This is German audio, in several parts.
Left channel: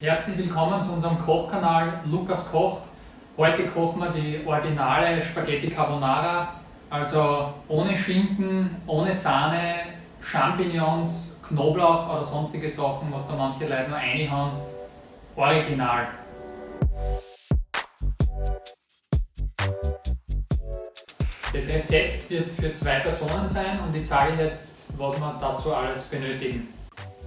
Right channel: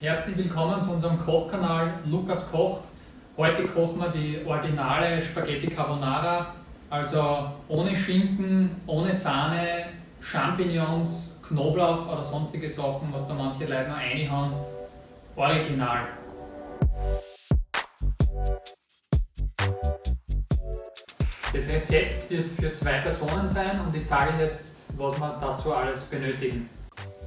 Herzlich willkommen zu unserem Kochkanal Lukas kocht. Heute kochen wir die originale Spaghetti Carbonara, also ohne Schinken, ohne Sahne, Champignons, Knoblauch oder sonstige Sachen, was da manche Leute noch reinhauen. Original. Das Rezept wird für 2 Personen sein und ich zeige jetzt, was wir dazu alles benötigen.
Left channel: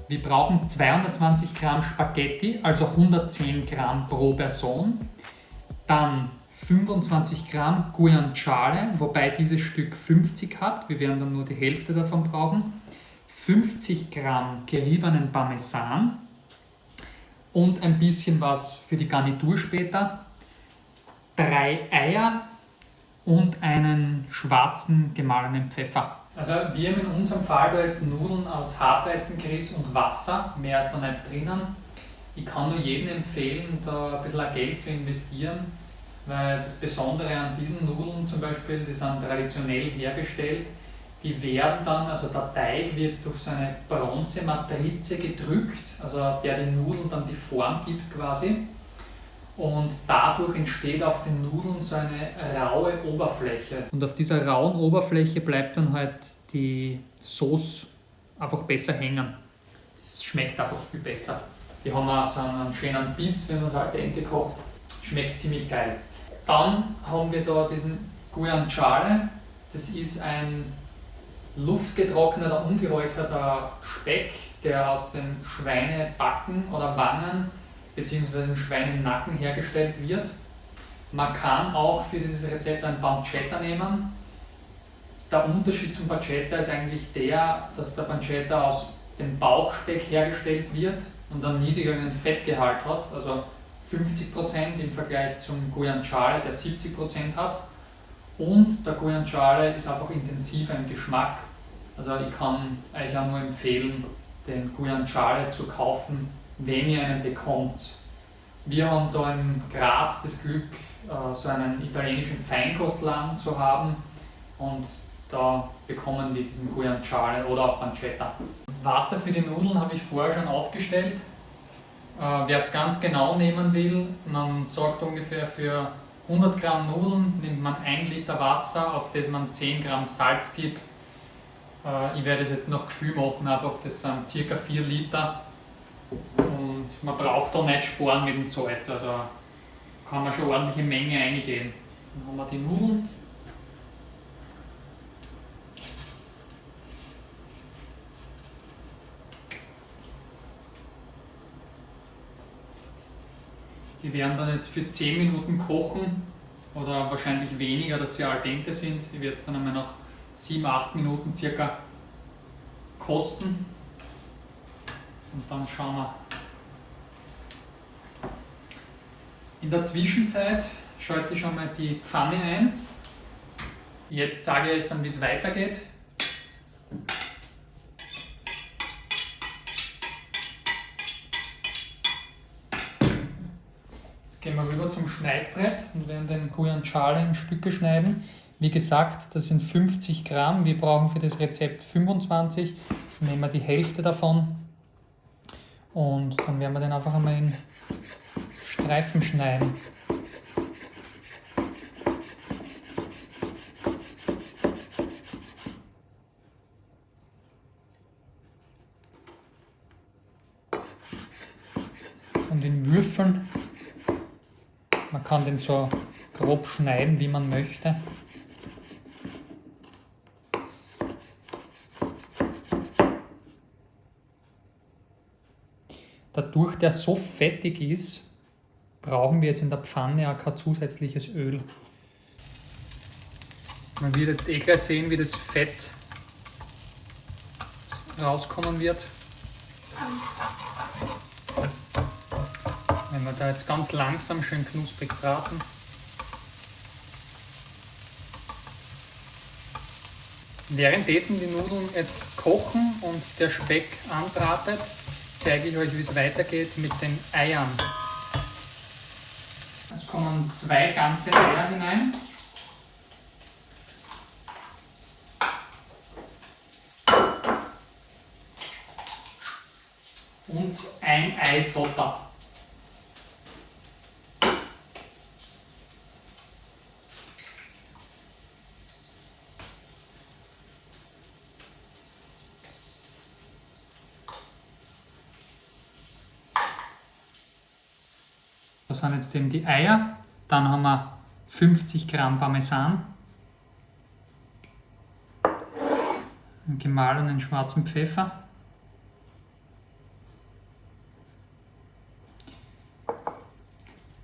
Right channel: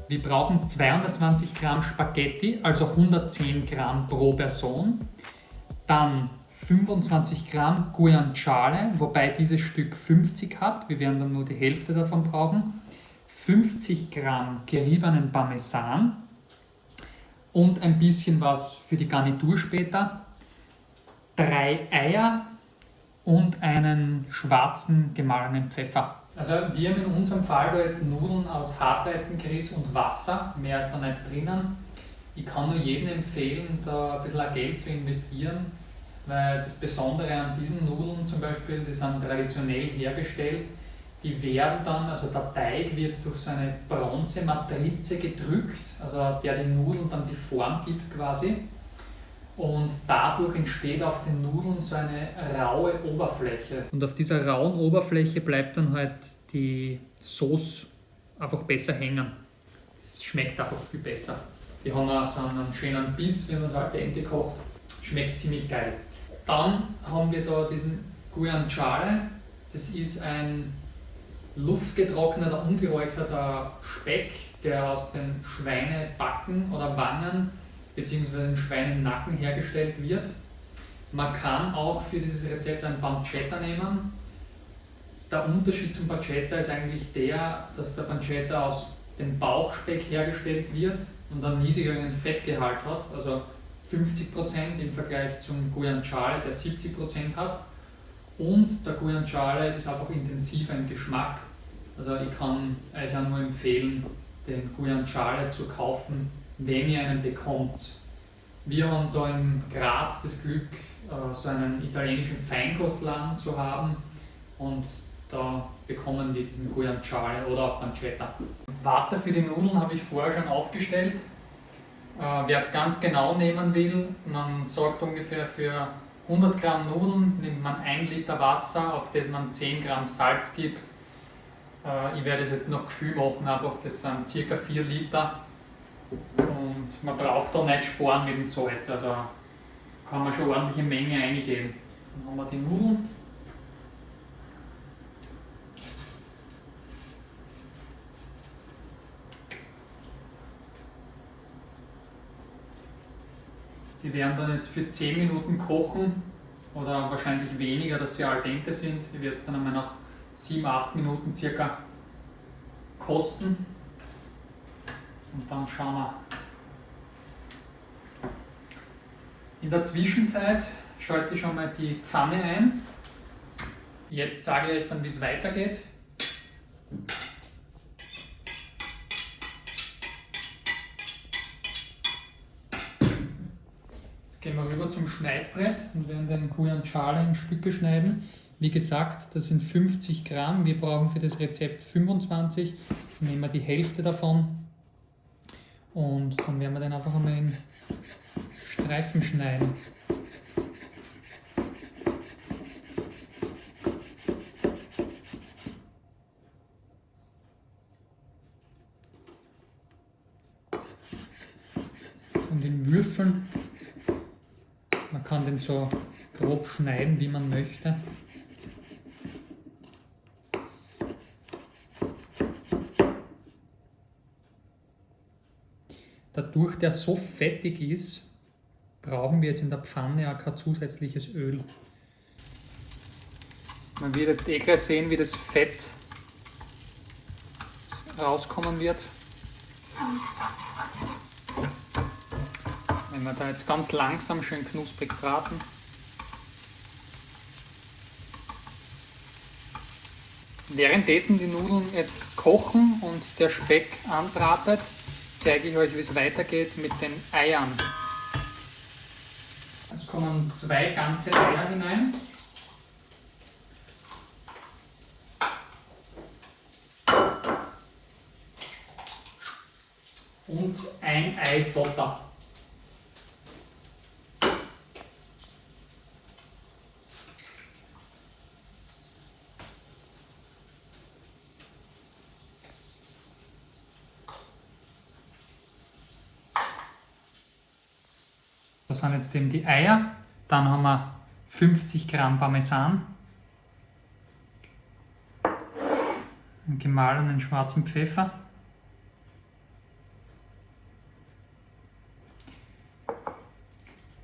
Wir brauchen 220 Gramm Spaghetti, also 110 Gramm pro Person. Dann 25 Gramm Guanciale, wobei dieses Stück 50 hat. Wir werden dann nur die Hälfte davon brauchen. 50 Gramm geriebenen Parmesan und ein bisschen was für die Garnitur später. 3 Eier und einen schwarzen gemahlenen Pfeffer. Also wir haben in unserem Fall da jetzt Nudeln aus Hartweizengrieß und Wasser, mehr ist da nicht drinnen. Ich kann nur jedem empfehlen, da ein bisschen Geld zu investieren, weil das Besondere an diesen Nudeln zum Beispiel, die sind traditionell hergestellt, die werden dann, also der Teig wird durch so eine Bronzematrize gedrückt, also der den Nudeln dann die Form gibt quasi. Und dadurch entsteht auf den Nudeln so eine raue Oberfläche. Und auf dieser rauen Oberfläche bleibt dann halt die Sauce einfach besser hängen. Das schmeckt einfach viel besser. Die haben auch so einen schönen Biss, wenn man es al dente kocht. Schmeckt ziemlich geil. Dann haben wir da diesen Guanciale. Das ist ein luftgetrockneter, ungeräucherter Speck, der aus den Schweinebacken oder Wangen bzw. den Schweinenacken hergestellt wird. Man kann auch für dieses Rezept ein Pancetta nehmen. Der Unterschied zum Pancetta ist eigentlich der, dass der Pancetta aus dem Bauchspeck hergestellt wird und einen niedrigeren Fettgehalt hat, also 50% im Vergleich zum Guanciale, der 70% hat. Und der Guanciale ist einfach intensiver im Geschmack. Also ich kann euch auch nur empfehlen, den Guanciale zu kaufen, wenn ihr einen bekommt. Wir haben da in Graz das Glück, so einen italienischen Feinkostladen zu haben und da bekommen wir diesen Guanciale oder auch Pancetta. Wasser für die Nudeln habe ich vorher schon aufgestellt. Wer es ganz genau nehmen will, man sagt ungefähr für 100 Gramm Nudeln nimmt man 1 Liter Wasser, auf das man 10 Gramm Salz gibt. Ich werde es jetzt noch Gefühl machen, einfach das sind ca. 4 Liter. Und man braucht da nicht sparen mit dem Salz, also kann man schon ordentliche Menge reingeben. Dann haben wir die Nudeln. Die werden dann jetzt für 10 Minuten kochen oder wahrscheinlich weniger, dass sie al dente sind. Ich werde es dann einmal nach 7-8 Minuten circa kosten. Und dann schauen wir. In der Zwischenzeit schalte ich schon mal die Pfanne ein. Jetzt sage ich euch dann, wie es weitergeht. Jetzt gehen wir rüber zum Schneidbrett und werden den Guanciale in Stücke schneiden. Wie gesagt, das sind 50 Gramm. Wir brauchen für das Rezept 25. Nehmen wir die Hälfte davon. Und dann werden wir den einfach einmal in Streifen schneiden. Und in Würfeln. Man kann den so grob schneiden, wie man möchte. Dadurch, der so fettig ist, brauchen wir jetzt in der Pfanne auch kein zusätzliches Öl. Man wird jetzt gleich sehen, wie das Fett rauskommen wird. Wenn wir da jetzt ganz langsam schön knusprig braten. Währenddessen die Nudeln jetzt kochen und der Speck anbratet, zeige ich euch, wie es weitergeht mit den Eiern. Es kommen 2 ganze Eier hinein. Und ein Eidotter. Das sind jetzt eben die Eier. Dann haben wir 50 Gramm Parmesan, einen gemahlenen schwarzen Pfeffer,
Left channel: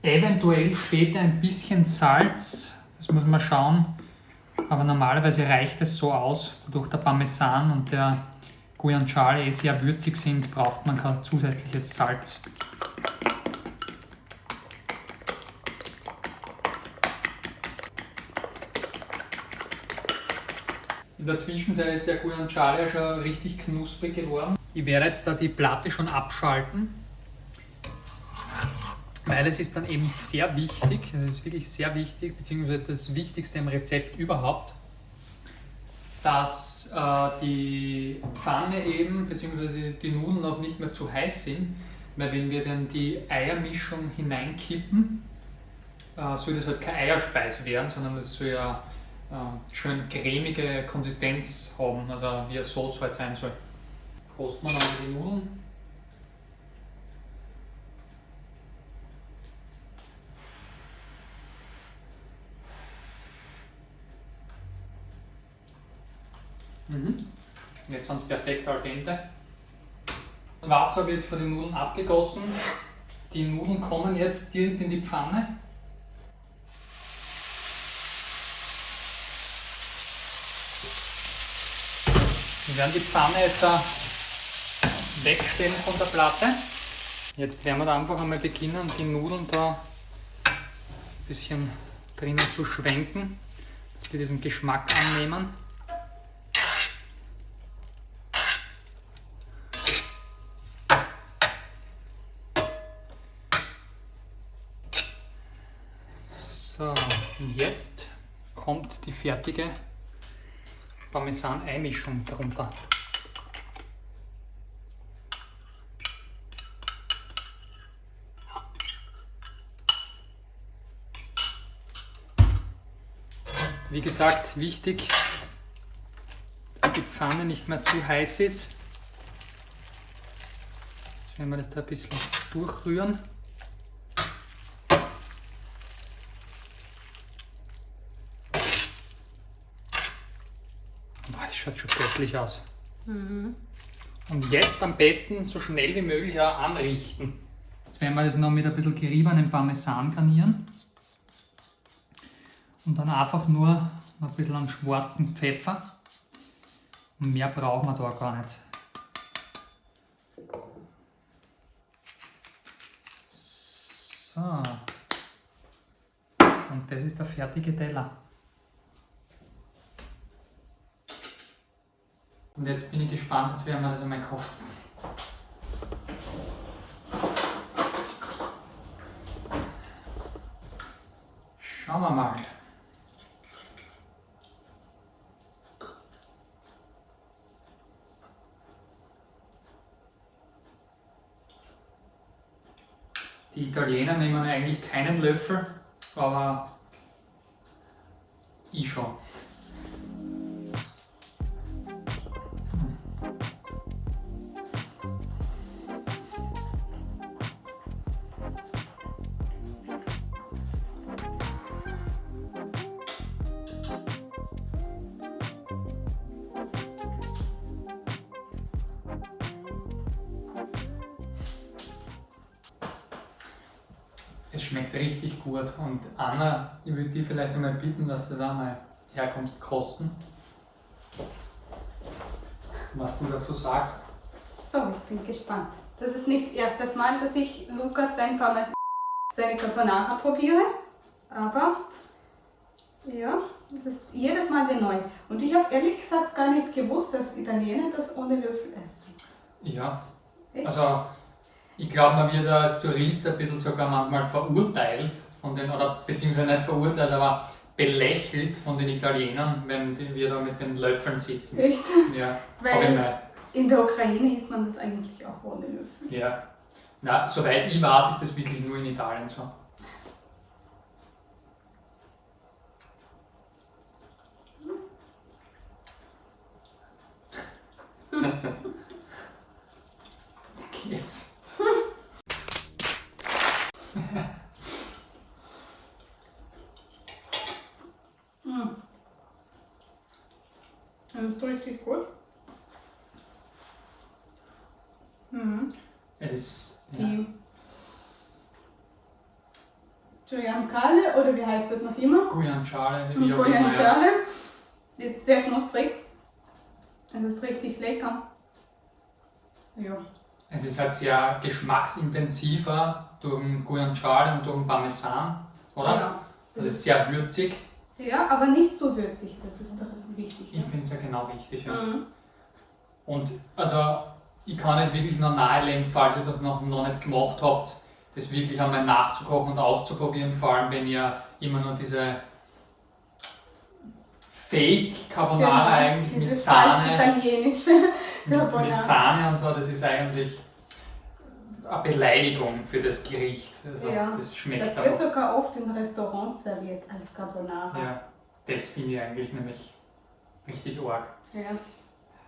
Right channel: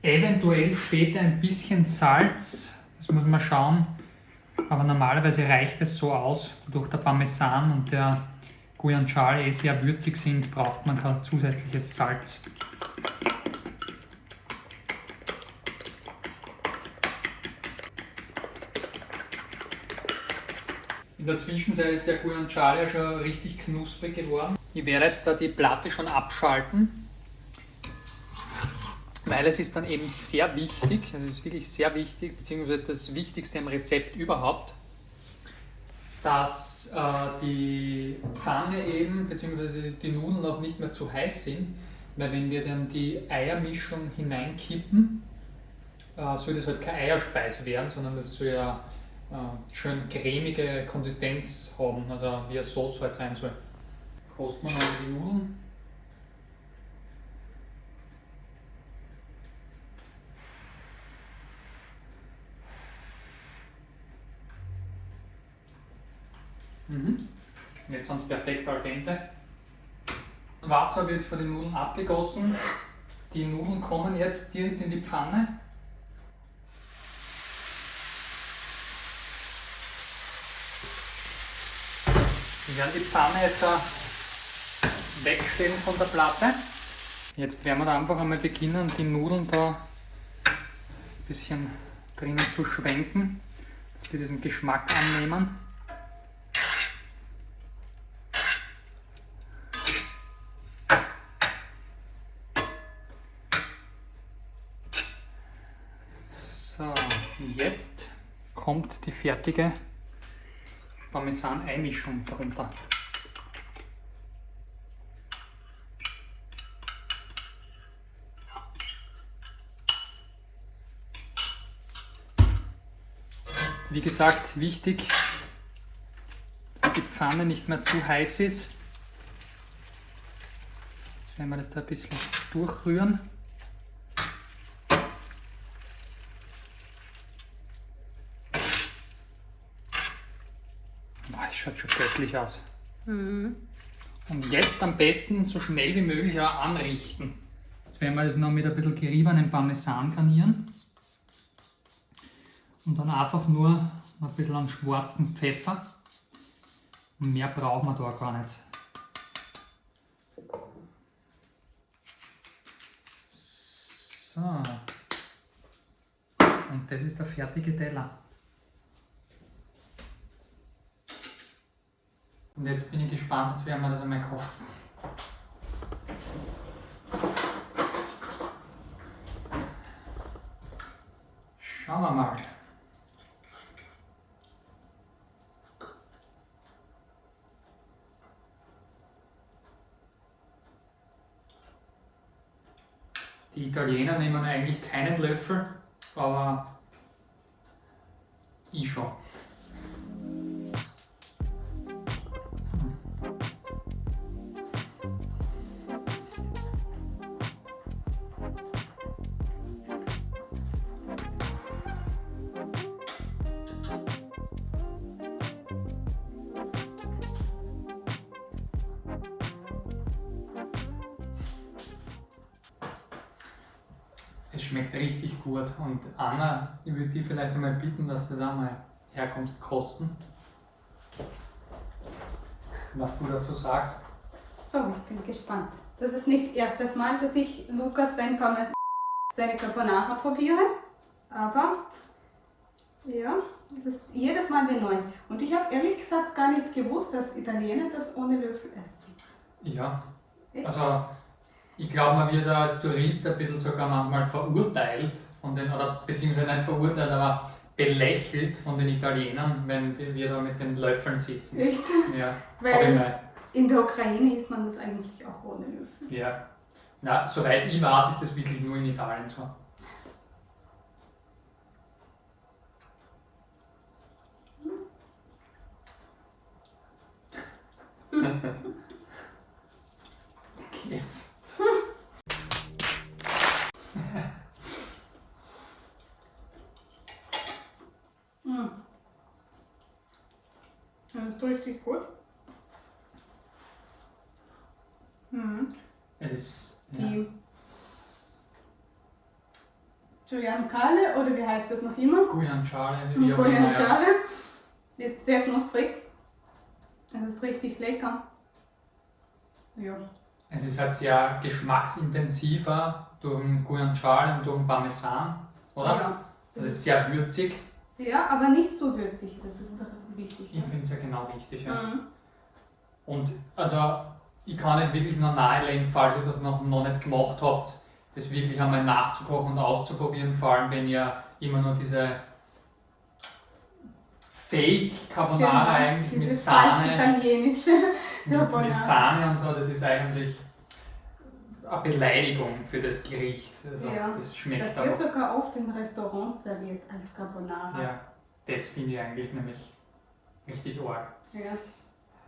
eventuell steht ein bisschen Salz, das muss man schauen, aber normalerweise reicht es so aus. Durch der Parmesan und der Guanciale sehr würzig sind, braucht man kein zusätzliches Salz. In der Zwischenzeit ist der Guanciale ja schon richtig knusprig geworden. Ich werde jetzt da die Platte schon abschalten, weil es ist dann eben sehr wichtig, es ist wirklich sehr wichtig, beziehungsweise das Wichtigste im Rezept überhaupt, dass die Pfanne eben, beziehungsweise die Nudeln auch nicht mehr zu heiß sind, weil wenn wir dann die Eiermischung hineinkippen, soll das halt keine Eierspeise werden, sondern das soll ja schön cremige Konsistenz haben, also wie eine Sauce halt sein soll. Kosten wir noch die Nudeln. Jetzt sind sie perfekt al dente. Das Wasser wird von den Nudeln abgegossen. Die Nudeln kommen jetzt direkt in die Pfanne. Wir werden die Pfanne jetzt wegstellen von der Platte. Jetzt werden wir da einfach einmal beginnen, die Nudeln da ein bisschen drinnen zu schwenken, dass die diesen Geschmack annehmen. So, und jetzt kommt die fertige Parmesan-Ei-Mischung drunter. Wie gesagt, wichtig, dass die Pfanne nicht mehr zu heiß ist. Jetzt werden wir das da ein bisschen durchrühren. Das schaut schon göttlich aus. Und jetzt am besten so schnell wie möglich auch anrichten. Jetzt werden wir das noch mit ein bisschen geriebenem Parmesan garnieren. Und dann einfach nur ein bisschen an schwarzen Pfeffer. Und mehr brauchen wir da gar nicht. So. Und das ist der fertige Teller. Und jetzt bin ich gespannt, jetzt werden wir das einmal kosten. Schauen wir mal. Die Italiener nehmen eigentlich keinen Löffel, aber ich schon. Es schmeckt richtig gut und Anna, ich würde dir vielleicht einmal bitten, dass du das einmal herkommst kosten. Was du dazu sagst. So, ich bin gespannt. Das ist nicht das erste Mal, dass ich Lukas seine Carbonara probiere, aber ja, das ist jedes Mal wieder neu. Und ich habe ehrlich gesagt gar nicht gewusst, dass Italiener das ohne Löffel essen. Ja, Echt? also ich glaube, man wird als Tourist ein bisschen sogar manchmal verurteilt von den, oder beziehungsweise nicht verurteilt, aber belächelt von den Italienern, wenn wir da mit den Löffeln sitzen. Echt? Ja, Weil in der Ukraine isst man das eigentlich auch ohne Löffel. ja. Na, soweit ich weiß, ist das wirklich nur in Italien so. Jetzt. Das ist richtig gut. Mhm. Es ist, ja. Die Guyancale, oder wie heißt das noch immer? Guyancale, wie auch immer. Ja. Guyancale ist sehr knusprig. Es ist richtig lecker. Ja. Es ist halt sehr geschmacksintensiver durch den Guyancale und durch den Parmesan, oder? Ja. Es ist sehr würzig. Ja, aber nicht zu würzig, das ist doch wichtig. Ich finde es ja genau wichtig. Ja. Mhm. Und also ich kann euch wirklich nur nahelegen, falls ihr das noch nicht gemacht habt, das wirklich einmal nachzukochen und auszuprobieren, vor allem wenn ihr immer nur diese Fake Carbonara eigentlich mit Dieses falsch Sahne, italienische mit Carbonara. Sahne und so, das ist eigentlich eine Beleidigung für das Gericht. Also Ja, das schmeckt Das auch. wird sogar oft in Restaurants serviert als Carbonara. Ja, das finde ich eigentlich nämlich richtig arg. Ja.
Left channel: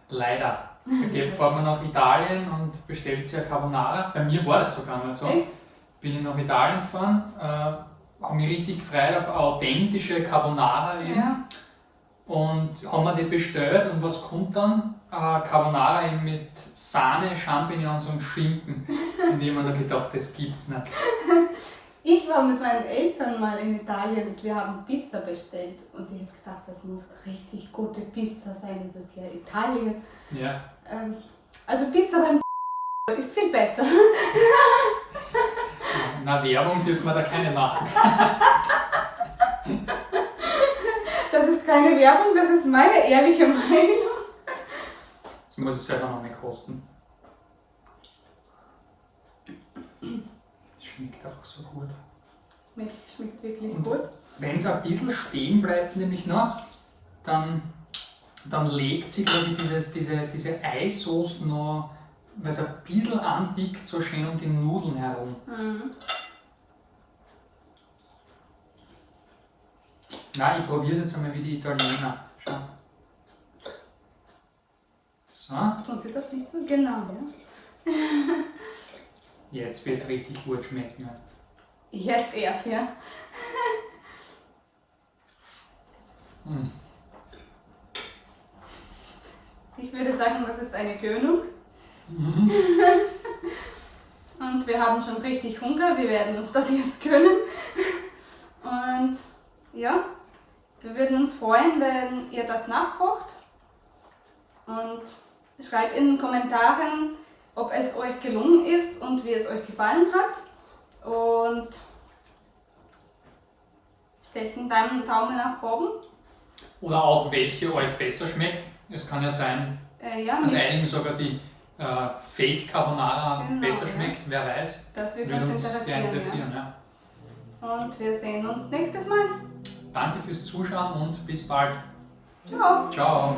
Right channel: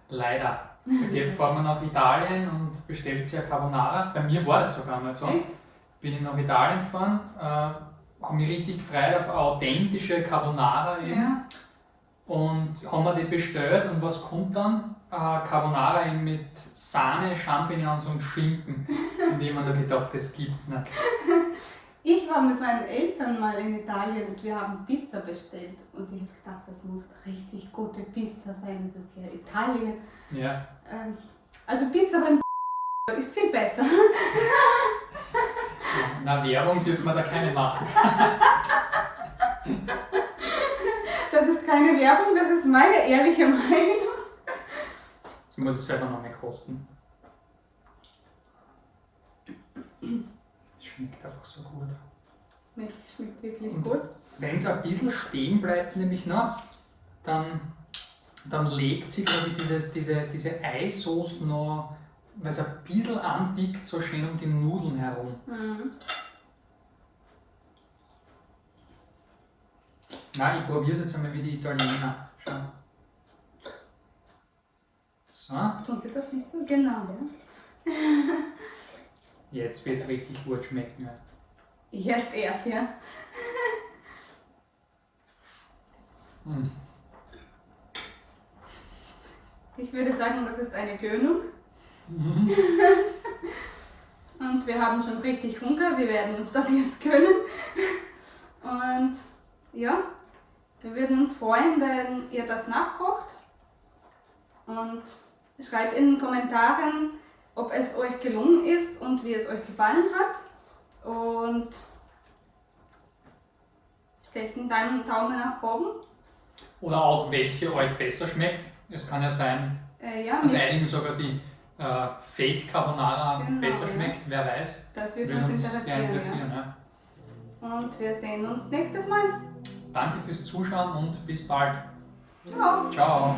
Leider. Da fährt man nach Italien und bestellt sich eine Carbonara. Bei mir war das sogar mal so. Echt? Bin ich nach Italien gefahren, habe mich richtig gefreut auf eine authentische Carbonara eben. Ja. Und haben wir die bestellt und was kommt dann? Carbonara eben mit Sahne, Champignons und Schinken. Und ich habe mir da gedacht, das gibt's nicht. Ich war mit meinen Eltern mal in Italien und wir haben Pizza bestellt. Und ich habe gedacht, das muss richtig gute Pizza sein. Das ist ja Italien. Ja. Also Pizza beim ist viel besser. Na, Werbung dürfen wir da keine machen. Das ist keine Werbung, das ist meine ehrliche Meinung. Jetzt muss ich selber noch mal kosten. Es schmeckt einfach so gut. Schmeckt wirklich Und gut. wenn es ein bisschen stehen bleibt, nämlich noch, dann legt sich quasi diese Eissoße noch, weil es ein bisschen andickt, so schön um die Nudeln herum. Mhm. Nein, ich probiere es jetzt einmal wie die Italiener. Schau. So, Tun Sie das nicht so genau, ja? jetzt wird es richtig gut schmecken. Erst. Jetzt erst, ja. Mm. Ich würde sagen, das ist eine Gönnung. Mhm. Und wir haben schon richtig Hunger. Wir werden uns das jetzt gönnen. Und ja, wir würden uns freuen, wenn ihr das nachkocht. Und schreibt in den Kommentaren, ob es euch gelungen ist und wie es euch gefallen hat. Und stellt einen Daumen nach oben. Oder auch welche euch besser schmeckt. Es kann ja sein, Ja, dass mit, einigen sogar die Fake Carbonara Genau, besser ja. schmeckt. Wer weiß. das wird Würde uns uns sehr interessieren. interessieren. Ja. Ja. Und wir sehen uns nächstes Mal. Danke fürs Zuschauen und bis bald. Ciao. Ciao.